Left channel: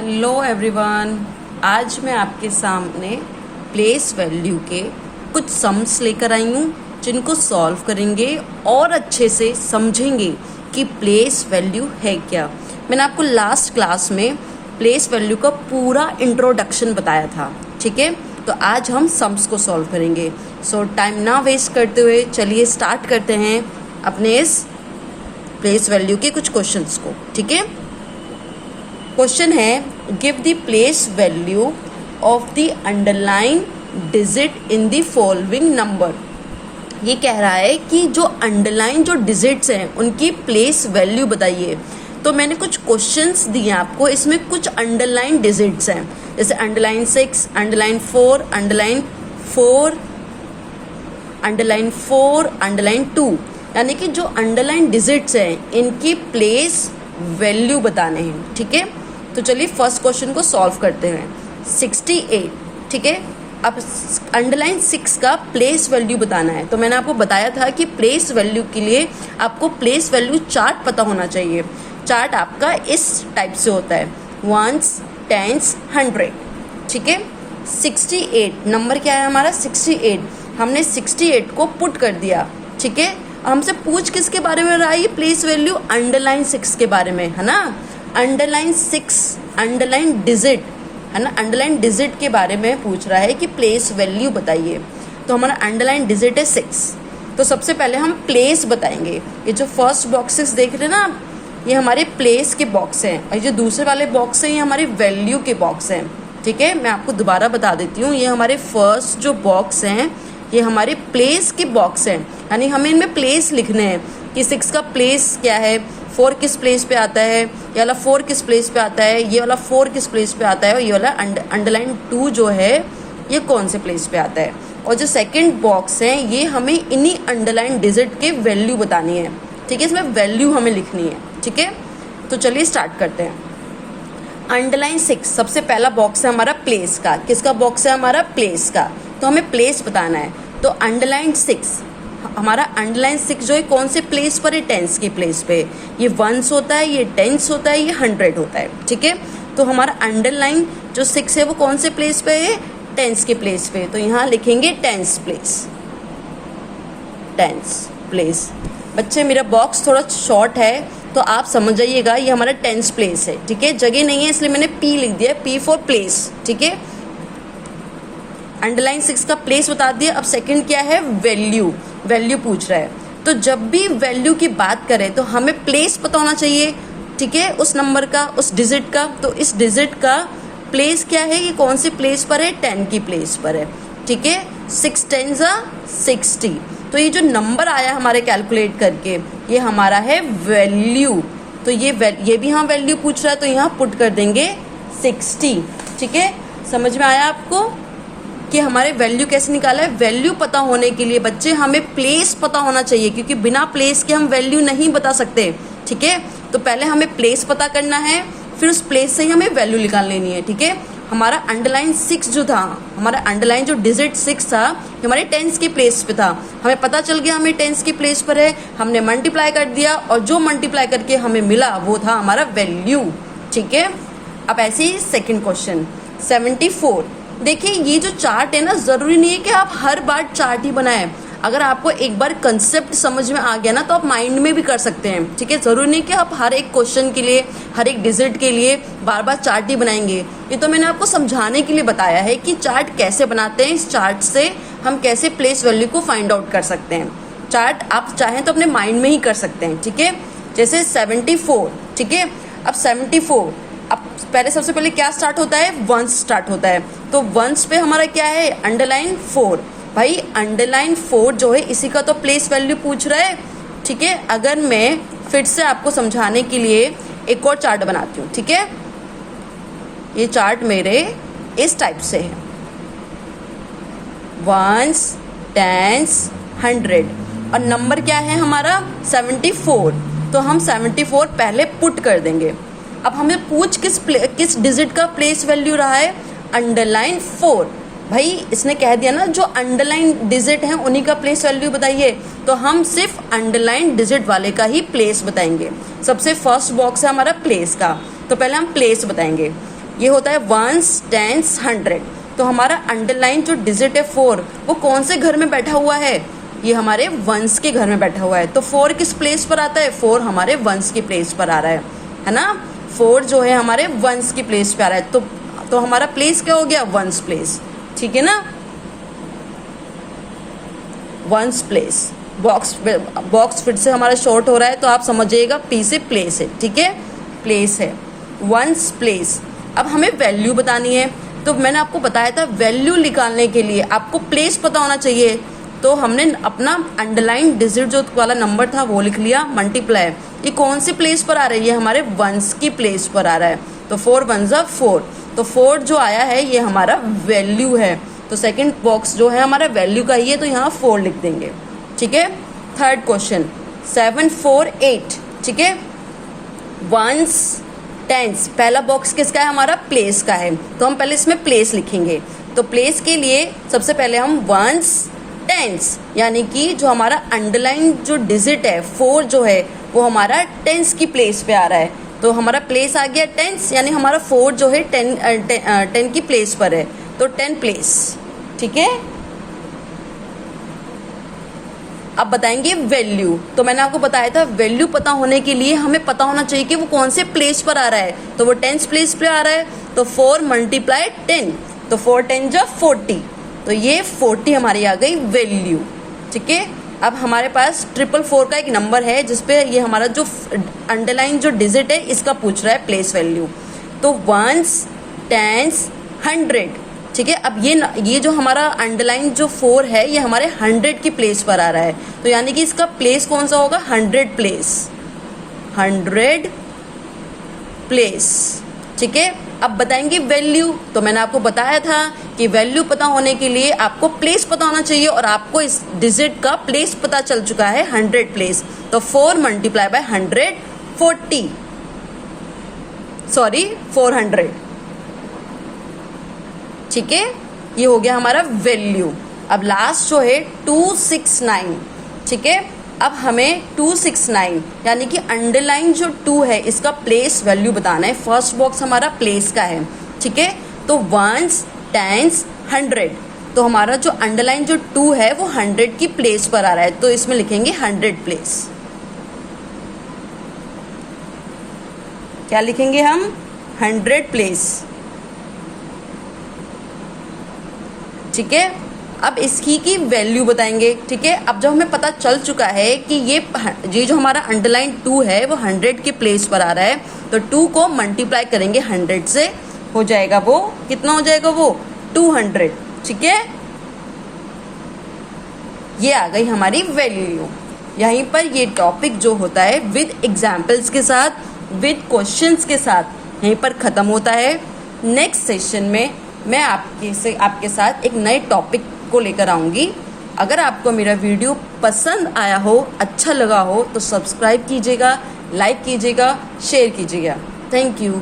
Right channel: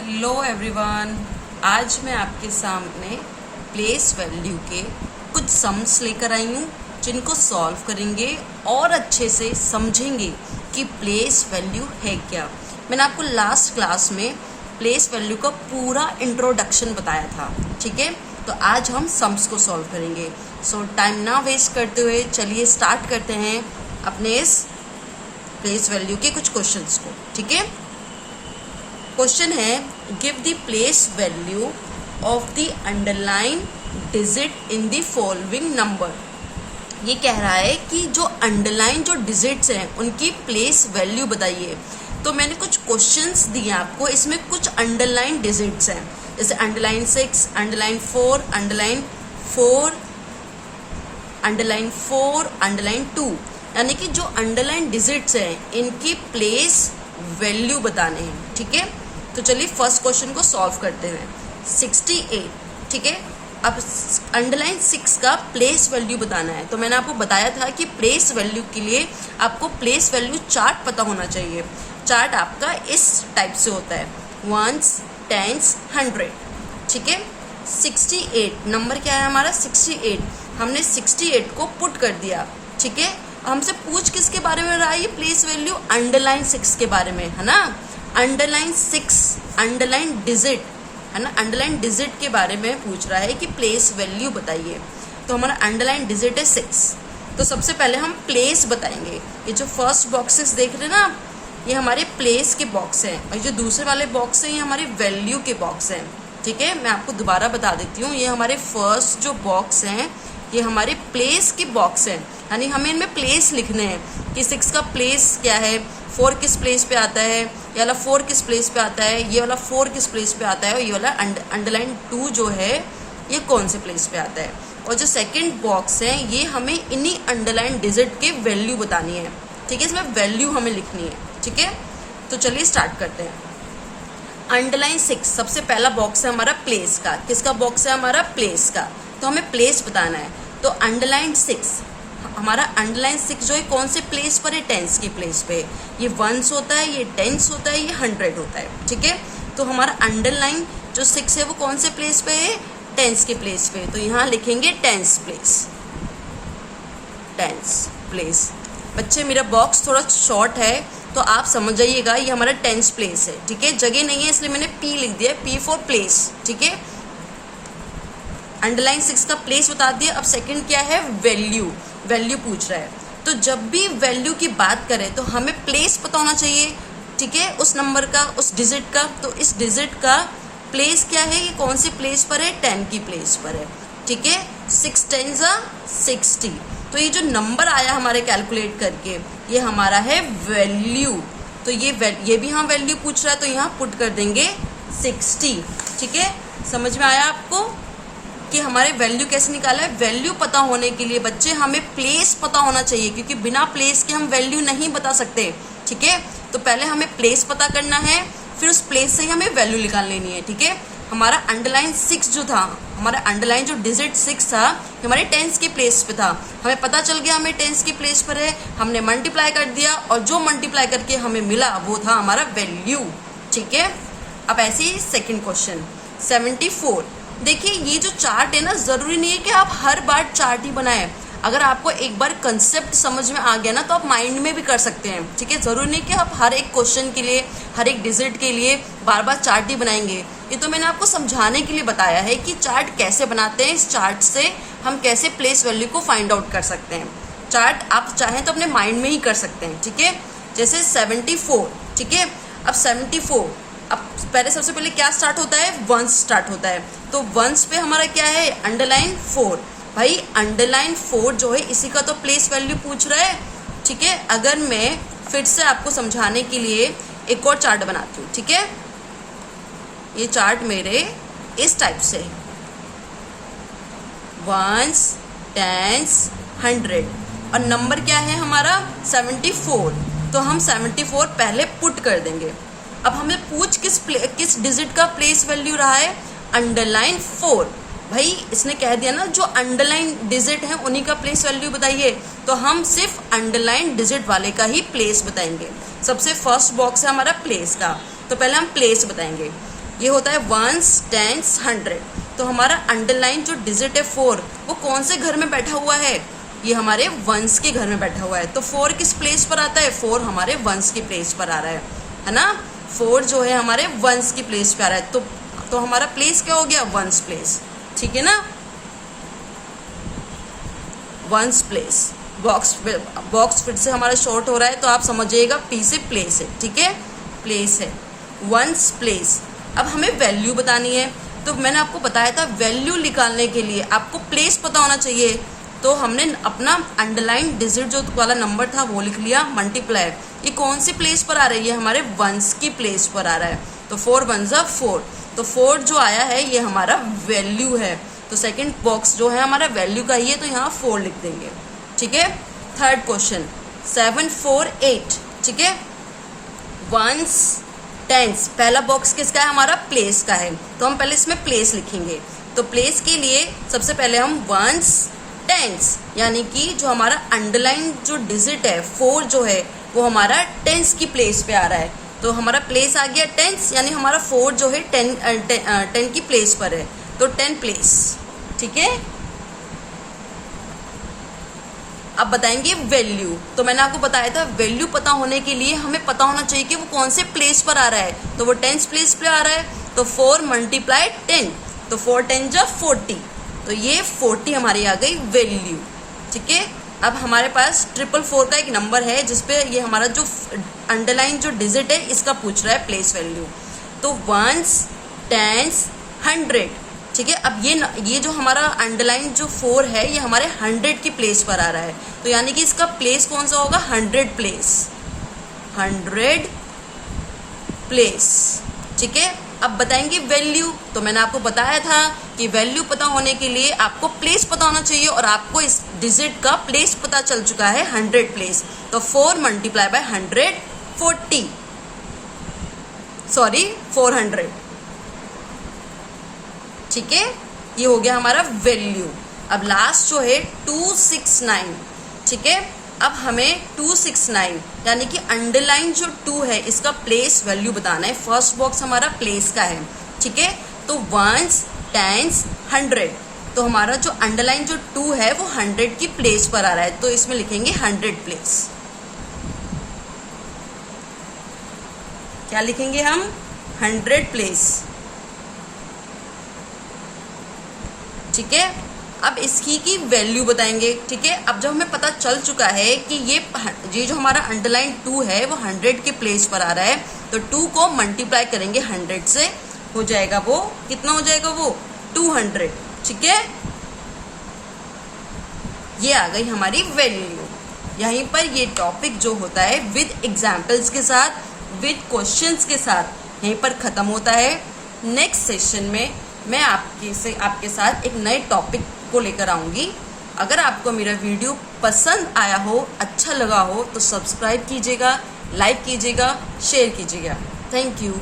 Hello everyone, आज मैं आपके सामने प्लेस वैल्यू के कुछ सम्स लेकर आई हूँ जिनको सॉल्व करेंगे और अच्छे से समझेंगे कि प्लेस वैल्यू है क्या। मैंने आपको लास्ट क्लास में प्लेस वैल्यू का पूरा इंट्रोडक्शन बताया था, ठीक है। तो आज हम सम्स को सॉल्व करेंगे। सो टाइम ना वेस्ट करते हुए चलिए स्टार्ट करते हैं अपने इस प्लेस वैल्यू के कुछ क्वेश्चंस को, ठीक है। क्वेश्चन है, give the place value of the underline digit in the following number. ये कह रहा है कि जो अंडरलाइन जो डिजिट्स हैं उनकी प्लेस वैल्यू बताइए। तो मैंने कुछ क्वेश्चंस दिए आपको, इसमें कुछ अंडरलाइन डिजिट्स हैं, जैसे underline 6, underline 4, underline 4, underline 4, underline 2, यानी कि जो अंडरलाइन डिजिट्स हैं इनकी प्लेस वैल्यू बताने हैं, ठीक है। तो चलिए फर्स्ट क्वेश्चन को सॉल्व करते हैं। 68, ठीक है। अब अंडरलाइन 6 का प्लेस वैल्यू बताना है। तो मैंने आपको बताया था कि प्लेस वैल्यू के लिए आपको प्लेस वैल्यू चार्ट पता होना चाहिए। चार्ट आपका इस टाइप से होता है, 1s, 10s, 100, ठीक है। 68 नंबर क्या है हमारा, 68। हमने 68 को पुट कर दिया, ठीक है। हमसे पूछ किसके बारे में रहा है ये प्लेस वैल्यू, अंडरलाइन 6 के बारे में, है ना। अंडरलाइन 6 अंडरलाइन डिजिट, है ना, अंडरलाइन डिजिट के बारे में पूछ रहा है कि प्लेस वैल्यू बताइए। तो हमारा अंडरलाइन डिजिट है 6। तो सबसे पहले हम प्लेस बताएंगे। ये जो फर्स्ट बॉक्सेस देख रहे हैं ना, ये हमारे प्लेस के बॉक्स हैं, और जो दूसरे वाले बॉक्स हैं ये हमारे वैल्यू के बॉक्स हैं, ठीक है। मैं आपको दोबारा बता देती हूँ, ये हमारे फर्स्ट जो बॉक्स हैं ये हमारे प्लेस के बॉक्स हैं, यानी हमें इनमें प्लेस लिखने हैं कि 6 का प्लेस क्या है, 4 किस प्लेस पे आता है, ये वाला 4 किस प्लेस पे आता है, ये वाला 4 किस प्लेस पे आता है, और ये वाला अंडरलाइन 2 जो है ये कौन से प्लेस पे आता है। और जो सेकंड बॉक्स है ये हमें इन्हीं अंडरलाइन डिजिट के वैल्यू बतानी है, ठीक है। इसमें वैल्यू हमें लिखनी है, ठीक है। तो चलिए स्टार्ट करते हैं। अंडरलाइन 6 सबसे पहला बॉक्स है हमारा प्लेस का। किसका बॉक्स है हमारा, प्लेस का। तो हमें प्लेस बताना है। तो अंडरलाइन 6, हमारा अंडरलाइन 6 जो है कौन से प्लेस पर है, टेंस की प्लेस पे। ये 1s होता है, ये 10s होता है, ये 100 होता है, ठीक है। तो हमारा अंडरलाइन जो 6 है वो कौन से प्लेस पे है, टेंस के प्लेस पे। तो यहाँ लिखेंगे टेंस प्लेस, टेंस प्लेस। बच्चे मेरा बॉक्स थोड़ा शॉर्ट है तो आप समझ जाइएगा, ये हमारा टेंस प्लेस है, ठीक है। जगह नहीं है इसलिए मैंने P लिख दिया, P फॉर प्लेस, ठीक है। अंडरलाइन 6 का प्लेस बता दिया। अब सेकंड क्या है, वैल्यू। वैल्यू पूछ रहा है, तो जब भी वैल्यू की बात करें तो हमें प्लेस पता होना चाहिए, ठीक है, उस नंबर का, उस डिजिट का। तो इस डिजिट का प्लेस क्या है, ये कौन से प्लेस पर है, 10 की प्लेस पर है, ठीक है। 6 10s 60। तो ये जो नंबर आया हमारे कैलकुलेट करके ये हमारा है वैल्यू। तो ये भी हाँ वैल्यू पूछ रहा है तो यहाँ पुट कर देंगे 60, ठीक है। समझ में आया आपको कि हमारे वैल्यू कैसे निकाला है। वैल्यू पता होने के लिए बच्चे हमें प्लेस पता होना चाहिए, क्योंकि बिना प्लेस के हम वैल्यू नहीं बता सकते, ठीक है। तो पहले हमें प्लेस पता करना है, फिर उस प्लेस से ही हमें वैल्यू निकाल लेनी है, ठीक है। हमारा अंडरलाइन 6 जो था, हमारा अंडरलाइन जो डिजिट 6 था हमारे टेंस के प्लेस पे था। हमें पता चल गया हमें टेंस की प्लेस पर है, हमने मल्टीप्लाई कर दिया और जो मल्टीप्लाई करके हमें मिला वो था हमारा वैल्यू, ठीक है। अब ऐसे ही सेकेंड क्वेश्चन 74। देखिए ये जो चार्ट है ना, जरूरी नहीं है कि आप हर बार चार्ट ही बनाएं। अगर आपको एक बार कंसेप्ट समझ में आ गया ना तो आप माइंड में भी कर सकते हैं, ठीक है। जरूरी नहीं कि आप हर एक क्वेश्चन के लिए, हर एक डिजिट के लिए बार बार चार्ट ही बनाएंगे। ये तो मैंने आपको समझाने के लिए बताया है कि चार्ट कैसे बनाते हैं, इस चार्ट से हम कैसे प्लेस वैल्यू को फाइंड आउट कर सकते हैं। चार्ट आप चाहें तो अपने माइंड में ही कर सकते हैं, ठीक है। जैसे 74, ठीक है। अब 74, अब पहले सबसे पहले क्या स्टार्ट होता है, 1s स्टार्ट होता है। तो 1s पे हमारा क्या है, अंडरलाइन 4। भाई अंडरलाइन 4 जो है इसी का तो प्लेस वैल्यू पूछ रहा है, ठीक है। अगर मैं फिर से आपको समझाने के लिए एक और चार्ट बनाती हूँ, ठीक है। ये चार्ट मेरे इस टाइप से है, 1s 10s 100, और नंबर क्या है हमारा 74। तो हम 74 पहले पुट कर देंगे। अब हमें पूछ किस डिजिट का प्लेस वैल्यू रहा है, अंडरलाइन 4। भाई इसने कह दिया ना जो अंडरलाइन डिजिट है उन्हीं का प्लेस वैल्यू बताइए, तो हम सिर्फ अंडरलाइन डिजिट वाले का ही प्लेस बताएंगे। सबसे फर्स्ट बॉक्स है हमारा प्लेस का, तो पहले हम प्लेस बताएंगे। ये होता है वंस, टेंस, 100। तो हमारा अंडरलाइन जो डिजिट है 4 वो कौन से घर में बैठा हुआ है? ये हमारे वंस के घर में बैठा हुआ है। तो 4 किस प्लेस पर आता है? 4 हमारे वंस की प्लेस पर आ रहा है ना। 4 जो है हमारे वंस की प्लेस पे आ रहा है। तो हमारा प्लेस क्या हो गया? Ones place. ठीक है ना, वंस प्लेस। बॉक्स फिर से हमारा शॉर्ट हो रहा है तो आप समझिएगा पी से प्लेस है। ठीक है, प्लेस है, वंस प्लेस। अब हमें वैल्यू बतानी है। तो मैंने आपको बताया था वैल्यू निकालने के लिए आपको प्लेस पता होना चाहिए। तो हमने अपना अंडरलाइन डिजिट जो वाला नंबर था वो लिख लिया, मल्टीप्लाई। ये कौन सी प्लेस पर आ रही है? हमारे वंस की प्लेस पर आ रहा है। तो 4 वन जा 4। तो 4 जो आया है ये हमारा वैल्यू है। तो सेकंड बॉक्स जो है हमारा वैल्यू का ही है, तो यहाँ 4 लिख देंगे। ठीक है, थर्ड क्वेश्चन 7, 4, 8। ठीक है, वंस, टेंस। पहला बॉक्स किसका है? हमारा प्लेस का है। तो हम पहले इसमें प्लेस लिखेंगे। तो प्लेस के लिए सबसे पहले हम वंस, टेंस, यानी कि जो हमारा अंडरलाइन जो डिजिट है 4 जो है वो हमारा टेंस की प्लेस पे आ रहा है। तो हमारा प्लेस आ गया टेंस, यानी हमारा 4 जो है 10 की प्लेस पर है। तो 10 प्लेस। ठीक है, अब बताएंगे वैल्यू। तो मैंने आपको बताया था वैल्यू पता होने के लिए हमें पता होना चाहिए कि वो कौन से प्लेस पर आ रहा है। तो वो 10 प्लेस पे आ रहा है। तो 4 मल्टीप्लाई 10। तो 4 10 जा 40। तो ये 40 हमारी आ गई वैल्यू। ठीक है, अब हमारे पास 444 का एक नंबर है जिसपे ये हमारा जो अंडरलाइन जो डिजिट है इसका पूछ रहा है प्लेस वैल्यू। तो वंस, टेंस, 100। ठीक है, अब ये जो हमारा अंडरलाइन जो 4 है ये हमारे 100 की प्लेस पर आ रहा है। तो यानी कि इसका प्लेस कौन सा होगा? 100 प्लेस, 100 प्लेस। ठीक है, अब बताएंगे वैल्यू। तो मैंने आपको बताया था कि वैल्यू पता होने के लिए आपको प्लेस पता होना चाहिए, और आपको इस डिजिट का प्लेस पता चल चुका है 100 प्लेस। तो 4 मल्टीप्लाई बाय 100 40, सॉरी 400। ठीक है, ये हो गया हमारा वैल्यू। अब लास्ट जो है 269। ठीक है, अब हमें 269 यानी कि अंडरलाइन जो 2 है इसका प्लेस वैल्यू बताना है। फर्स्ट बॉक्स हमारा प्लेस का है। ठीक है, तो वंस, टेंस, 100। तो हमारा जो अंडरलाइन जो 2 है वो 100 की प्लेस पर आ रहा है। तो इसमें लिखेंगे 100 प्लेस। क्या लिखेंगे हम? 100 प्लेस। ठीक है, अब इसकी की वैल्यू बताएंगे। ठीक है, अब जब हमें पता चल चुका है कि ये जो हमारा अंडरलाइन 2 है वो 100 के प्लेस पर आ रहा है, तो 2 को मल्टीप्लाई करेंगे 100 से, हो जाएगा वो कितना हो जाएगा? वो 200। ठीक है, ये आ गई हमारी वैल्यू। यहीं पर ये टॉपिक जो होता है विद एग्जाम्पल्स के साथ, विद क्वेश्चंस के साथ यहीं पर खत्म होता है। नेक्स्ट सेशन में मैं आपके साथ एक नए टॉपिक को लेकर आऊंगी। अगर आपको मेरा वीडियो पसंद आया हो, अच्छा लगा हो, तो सब्सक्राइब कीजिएगा, लाइक कीजिएगा, शेयर कीजिएगा। Thank you.